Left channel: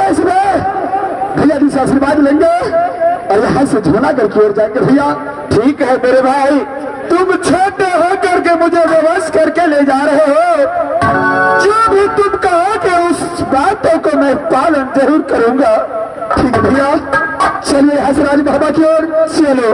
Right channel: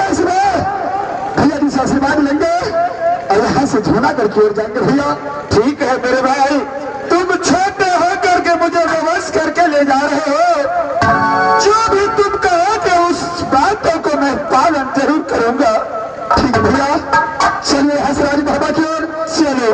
भैया इसमें भैया जी से आशीर्वाद लेंगे और यहाँ से जूनागढ़ की ओर जाएंगे। भैया ठीक है मेरे भाई, तुम छोटे हो करके मुझे विवश करके ले जा रहे हो, जो भी तुम कहोगे उस बातों को मैं पालन जरूर करूंगा। ठीक है भैया, चलिए हसराज बाबा की ओर चलो।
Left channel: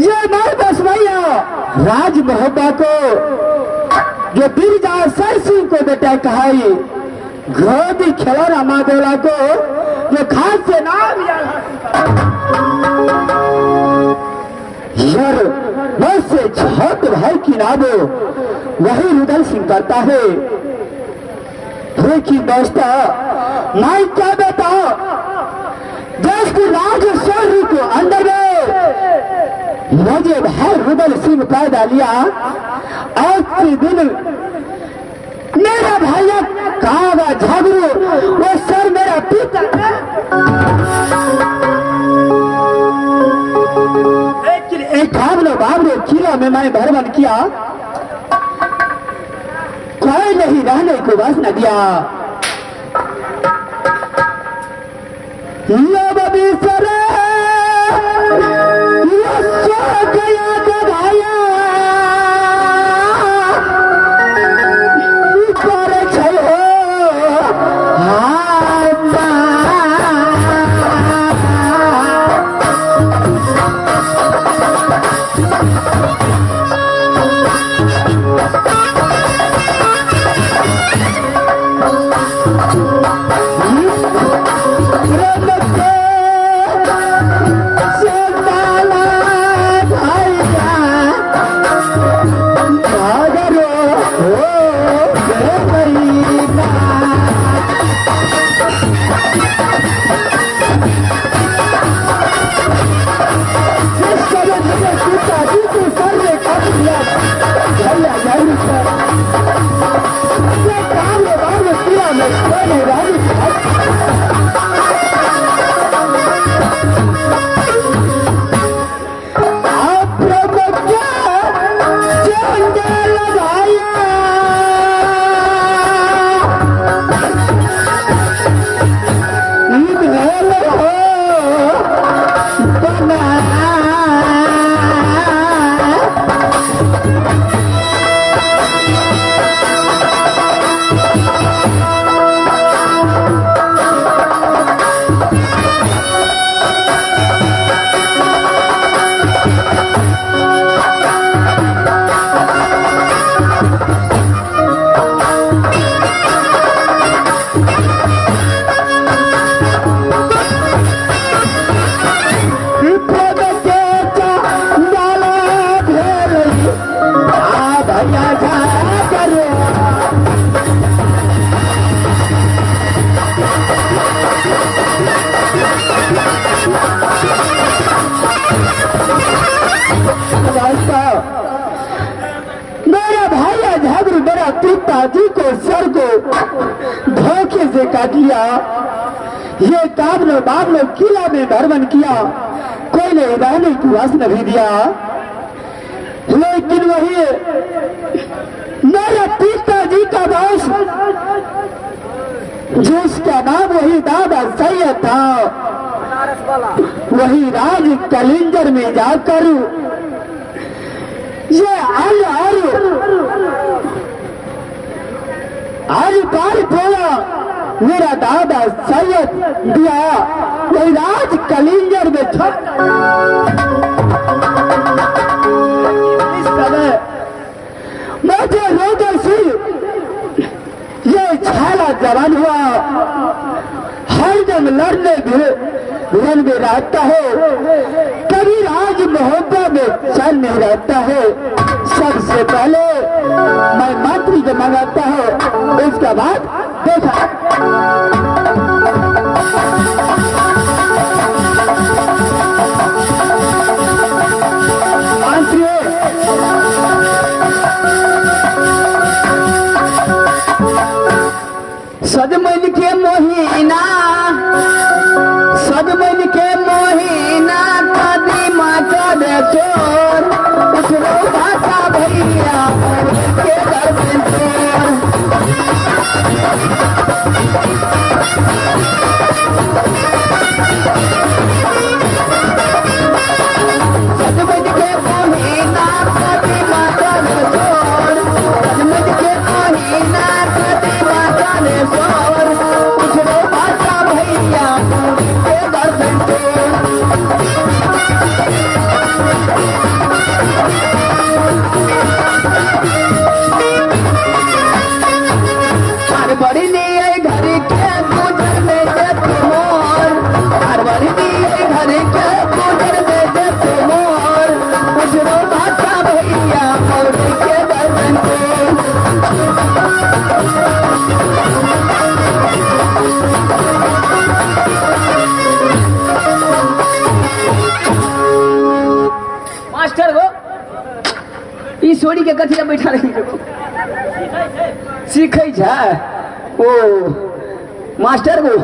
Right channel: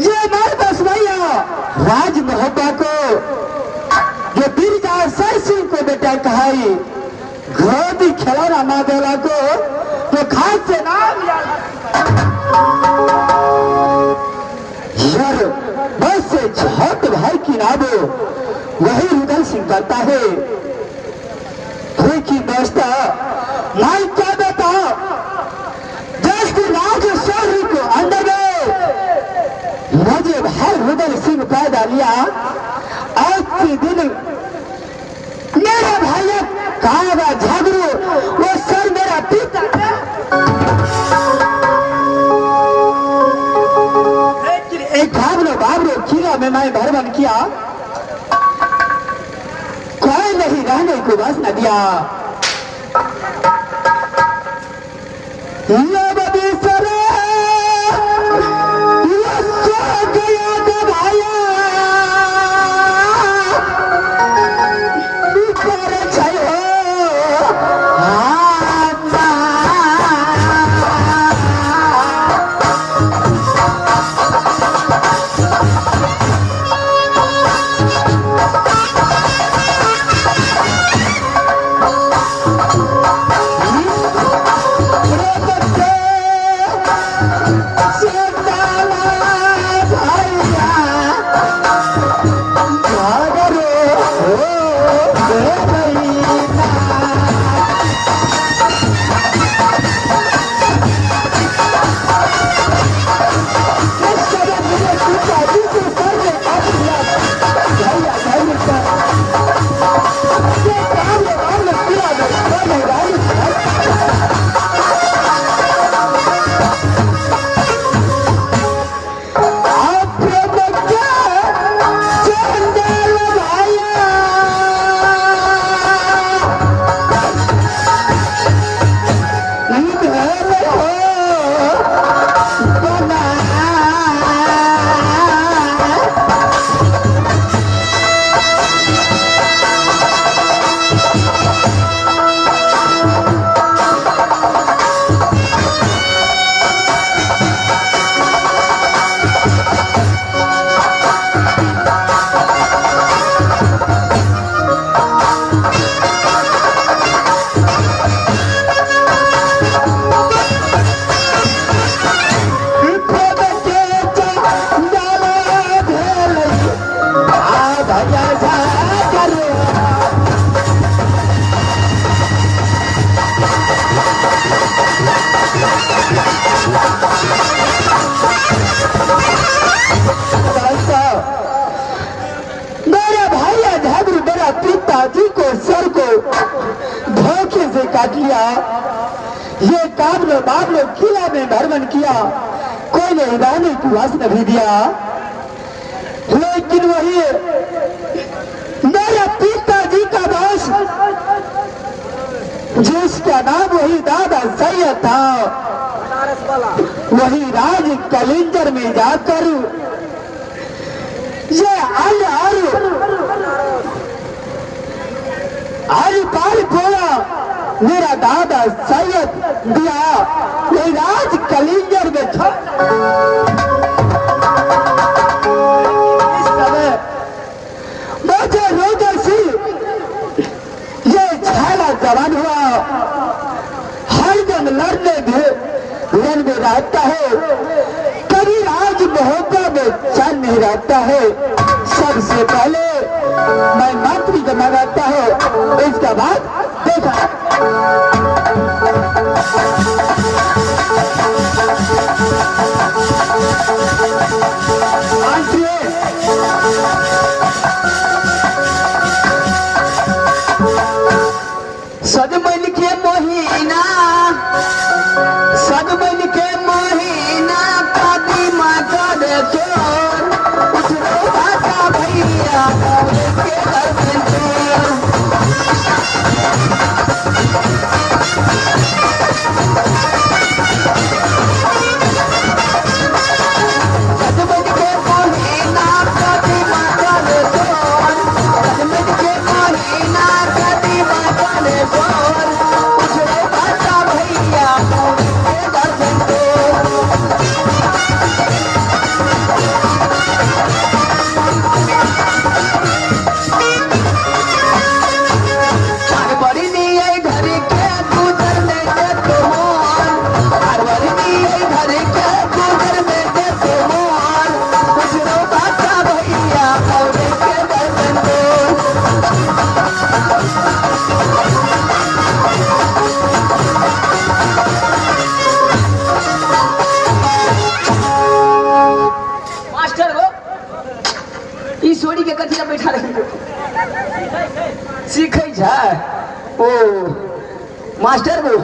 ये मैं बस भैया राज मोहब्बा को जो बिरजा सर सिंह को बेटा कहाई घोड़ी खिलौना माँ देवला को जो खास से नाम यार मुझसे छोटे भाई की नाम वही रुदल सिंह करता है। लेकिन दोस्तों मैं क्या बताऊं, देश की राज शहरी को अंदर में मुझे भाई रुदल सिंह पैदा लिया। आज के दिन मेरा भाई कागा झगड़ू वो सर मेरा पिता एक बाबलो किला में मैं भ्रमण किया, कोई नहीं रहने को बस न दिया। पिताजी को सर को धोखे से काट लिया। ये काबलो बाबलो किला में भ्रमण किया, कोई ने रहने को वास नहीं दिया। लेकिन वही मेरे पिताजी का दोस्त जिसका नाम वही दादा सैयद था, वही राज कलिंजर में जाकर ये आलू पाल बोला मेरा दादा सैयद दिया कोई राज कलिंजर में था। इस समय मुझे रुदल सिंह ये छाला जवान हुआ, हर जंग लड़ने रण में रहता है, कभी राज मोहब्बत में चैन नहीं रहता है। सबसे पहले मैं मंत्री को मंगाता हूँ, इसके बाद देखा। सजमन के महीना कदीमा कर चोर उसने बाता भैया के दर्शन ई सोरी के कथिया बैठा रही सीखे जा ओ मास्टर वो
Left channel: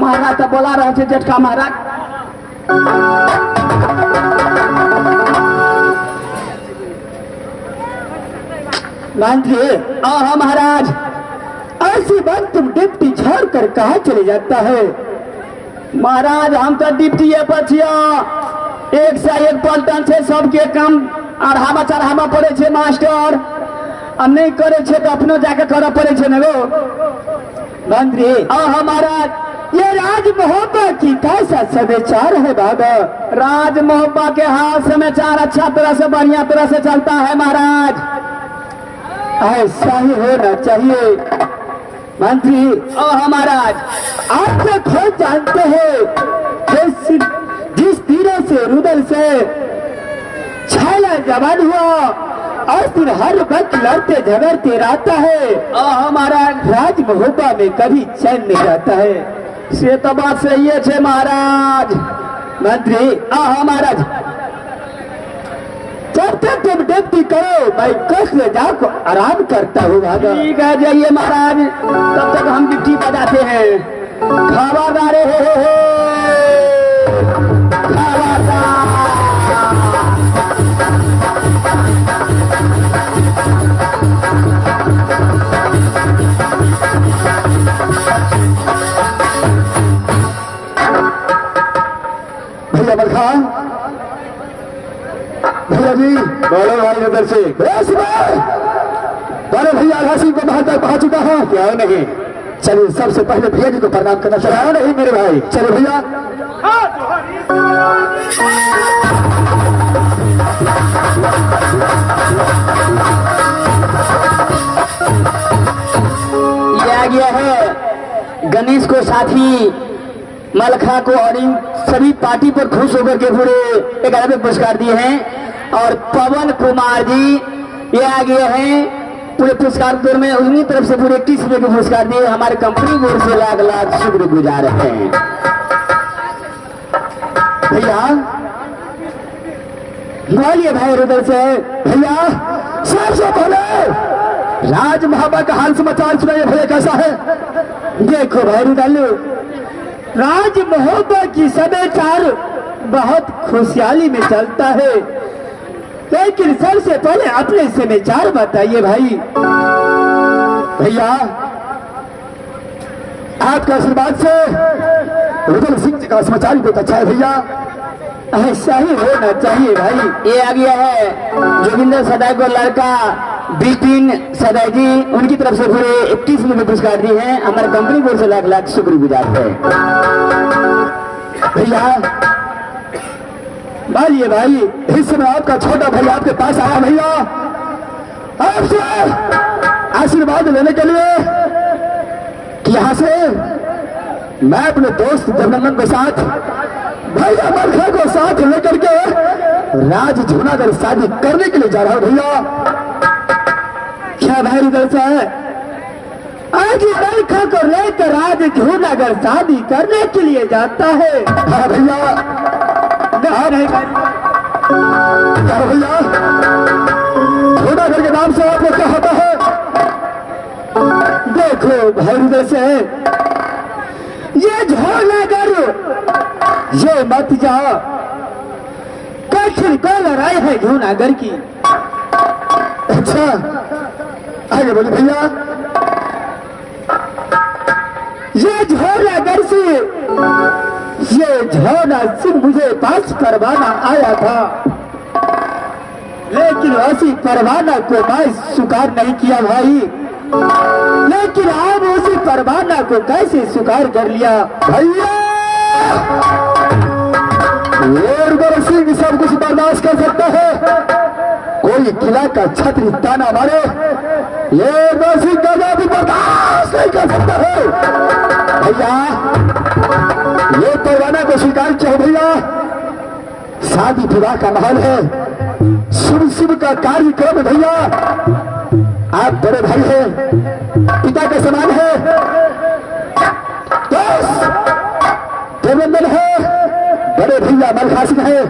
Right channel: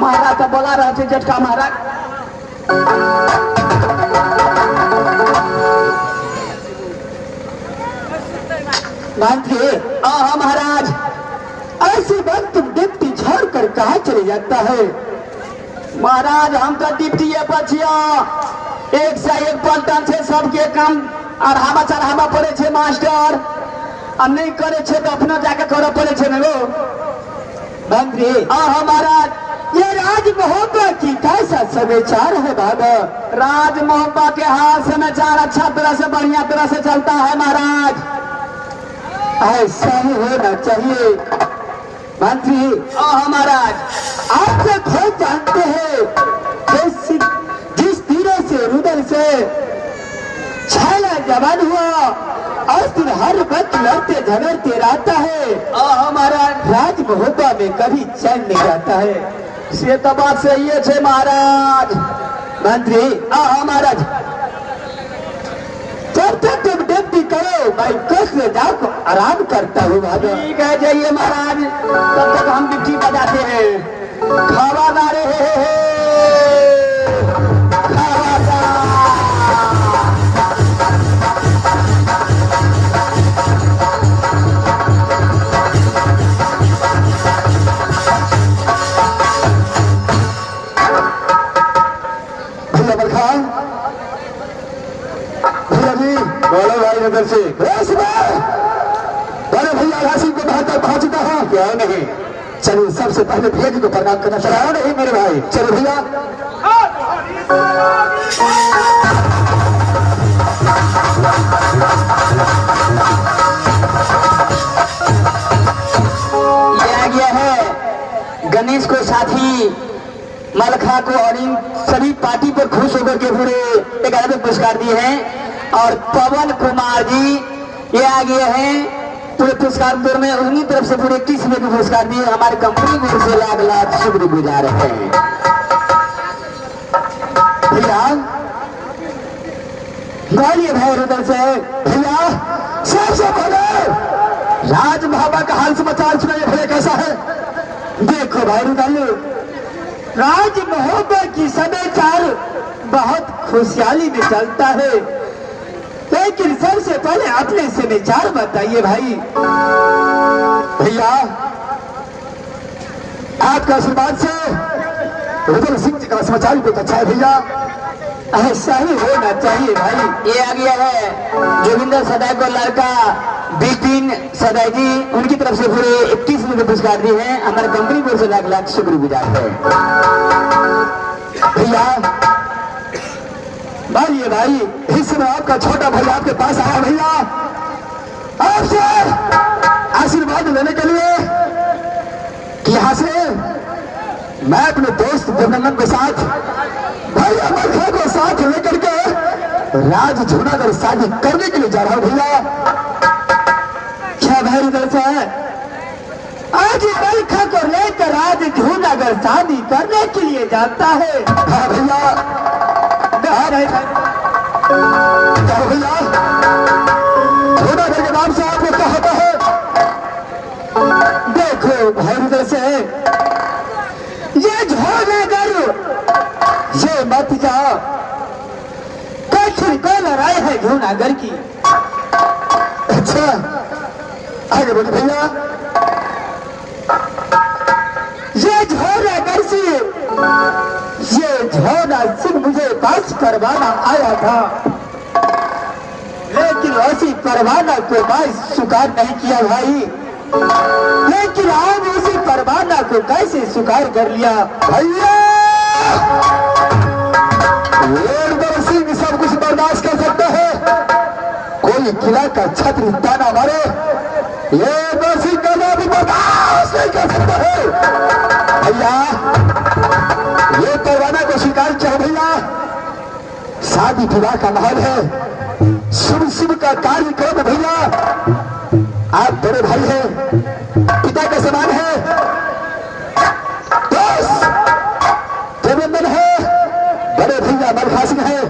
महाराज का बोला रहे थे झटका महाराज मानते हाँ महाराज ऐसी बात तुम डिप्टी छोड़ कर कहा चले जाता है महाराज हम तो डिप्टी है बचिया एक से एक पलटन से सबके काम अढ़ावा चढ़ावा पड़े छे मास्टर और नहीं करे छे तो अपनो जाके करना पड़े छे नो मंत्री महाराज ये राज मोहब्बा की कैसा समाचार है बाबा राज मोहब्बा के हाथ समाचार अच्छा तरह से बढ़िया तरह से चलता है महाराज ऐसा ही होना चाहिए मंत्री महाराज आप तो खुद जानते हैं जिस तीरों से रुदल से छाला जवान हुआ और फिर हर वक्त लड़ते झगड़ते रहता है हमारा राज मोहब्बा में कभी चैन नहीं रहता है से तो बात सही है महाराज मंत्री महाराज जब तक तुम डिप्टी करो मैं कष्ट जाकर आराम करता हूँ ठीक है जाइए महाराज तब तक हम डिप्टी बजाते हैं खबरदारे भैया बलखान भैया जी बोलो भाई नगर से बड़े भैया राशि को बाहर तक पहुंच चुका है क्या नहीं चलिए सबसे पहले भैया जी को प्रणाम करना चाहिए नहीं मेरे भाई चलो भैया ये आ गया है गणेश को साथी मलखा को और इन सभी पार्टी पर खुश होकर के पूरे 11 पुरस्कार दिए हैं और पवन कुमार जी ये आ गए हैं पूरे पुरस्कार में उन्हीं तरफ से पूरे 21 में पुरस्कार दिए हमारे कंपनी बोर्ड से लाख लाख शुक्र गुजार हैं भैया बोलिए भाई रुदल से भैया सबसे पहले राज मोहब्बा का हाल समाचार सुनाइए भैया कैसा है देखो भाई रुदल राज मोहब्बा की समाचार बहुत खुशहाली में चलता है लेकिन सबसे पहले अपने समाचार बताइए भाई भैया आपका आशीर्वाद से रुदल सिंह जी का समाचार बहुत अच्छा है भैया ऐसा ही होना चाहिए भाई ये आ गया है जोगिंदर सदाई को लड़का बिपिन सदाई जी उनकी तरफ से पूरे 21 में पुरस्कार दिए हैं हमारे कंपनी बोर्ड से लाख लाख शुक्रगुजार है भैया मानिए भाई इस समय आपका छोटा भाई आपके पास आया भैया आपसे आशीर्वाद लेने के लिए कि यहाँ से मैं अपने दोस्त जगनंदन के साथ भैया मलखा को साथ लेकर के राज जूनागढ़ शादी करने के लिए जा रहा हूं भैया क्या भाई रुदल से आज मलखा को लेकर आज जूनागढ़ शादी करने के लिए जाता है हाँ भैया हाँ भाई क्या भैया जूनागढ़ के नाम से आपने क्या होता है देखो भाई रुदल से ये जूनागढ़ ये मत जाओ कठिन को लड़ाई है जूनागढ़ की अच्छा आगे बोले भैया ये झोलागढ़ से ये झोला सिंह मुझे पास परवाना आया था लेकिन उसी परवाना को मैं स्वीकार नहीं किया भाई लेकिन आप उसी परवाना को कैसे स्वीकार कर लिया भैया सिंह सब कुछ बर्दाश्त कर सकते हैं कोई किला का छत्र ताना मारे ये नरसिंह का भी बर्दाश्त नहीं कर सकता है भैया ये परवाना को स्वीकार किया भैया शादी विवाह का माहौल है शुभ शुभ का कार्यक्रम भैया आप बड़े भाई हैं पिता के समान है देवेंद्र है बड़े भैया मलखा सिंह है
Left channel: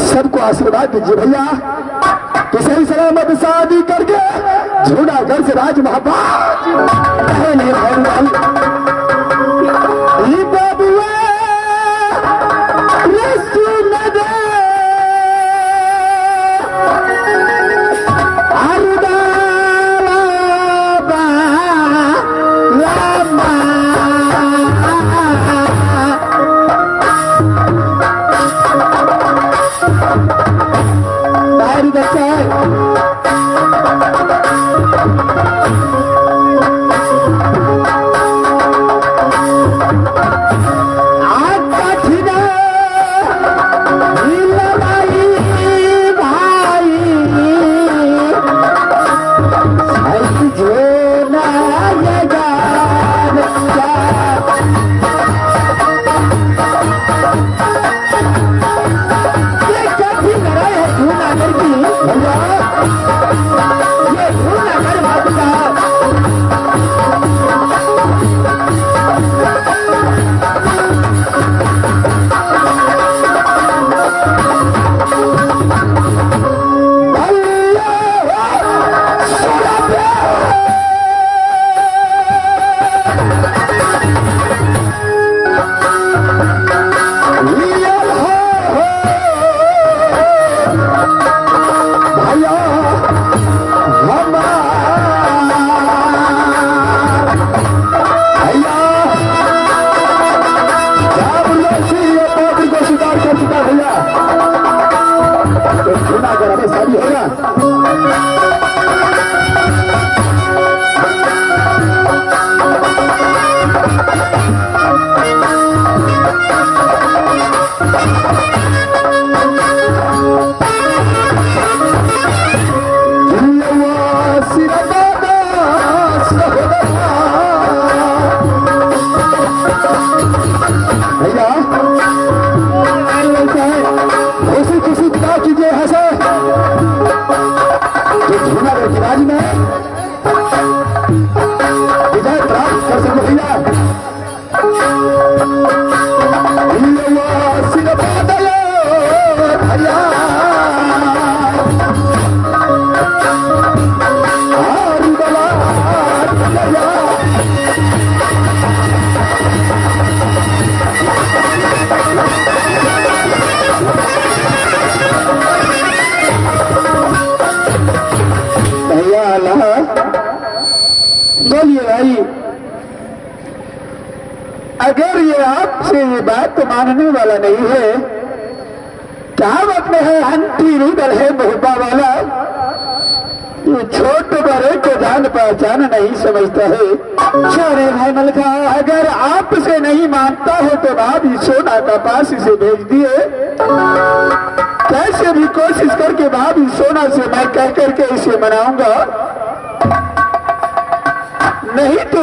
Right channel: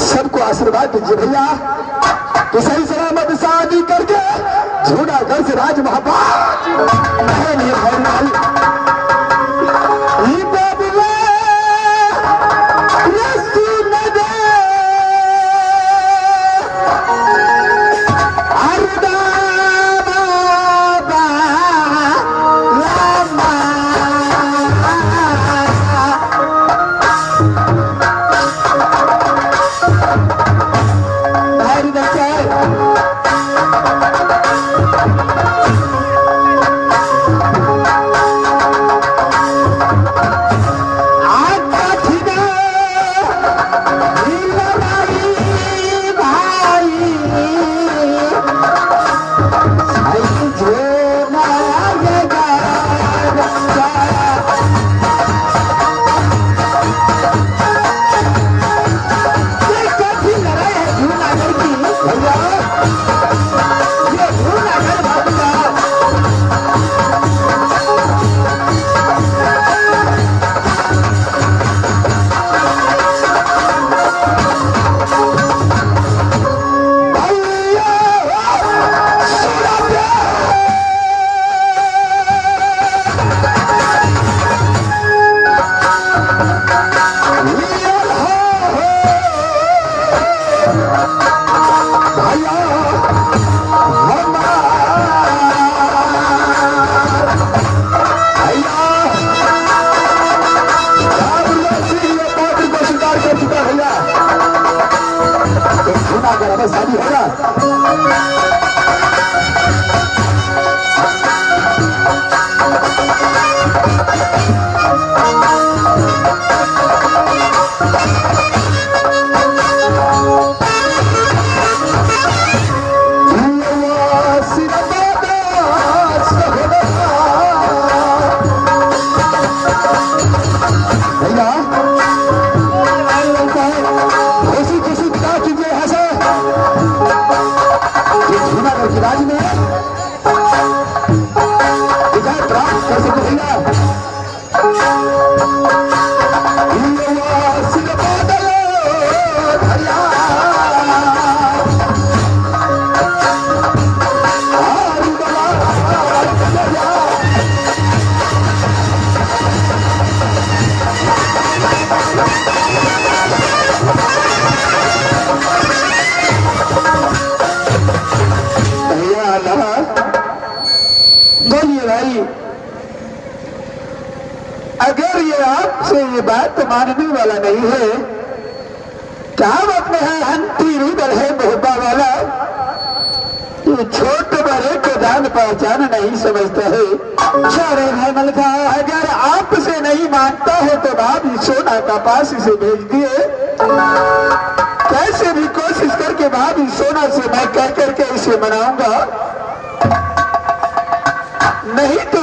सबको आशीर्वाद दीजिए भैया कि सही से करके जूनागढ़ से राज महाबाज शादी होगा राज्य में विजय प्राप्त कर सको भैया बोलिए भाई, अगर ये आपसे ये बात मानने वाला नहीं है कहावत में है हंटी रूदल है मोहब्बा वाला, ये छोटे बड़े को जान पहचान नहीं समझता है। छोरे भाई मलका अगर आपसे नहीं मानता है तो भाभी सोना का पास इसे भेज दिए, कैसे भी कोशिश करके भाभी सोना से मैं कह करके इसे मनाऊंगा, नहीं तो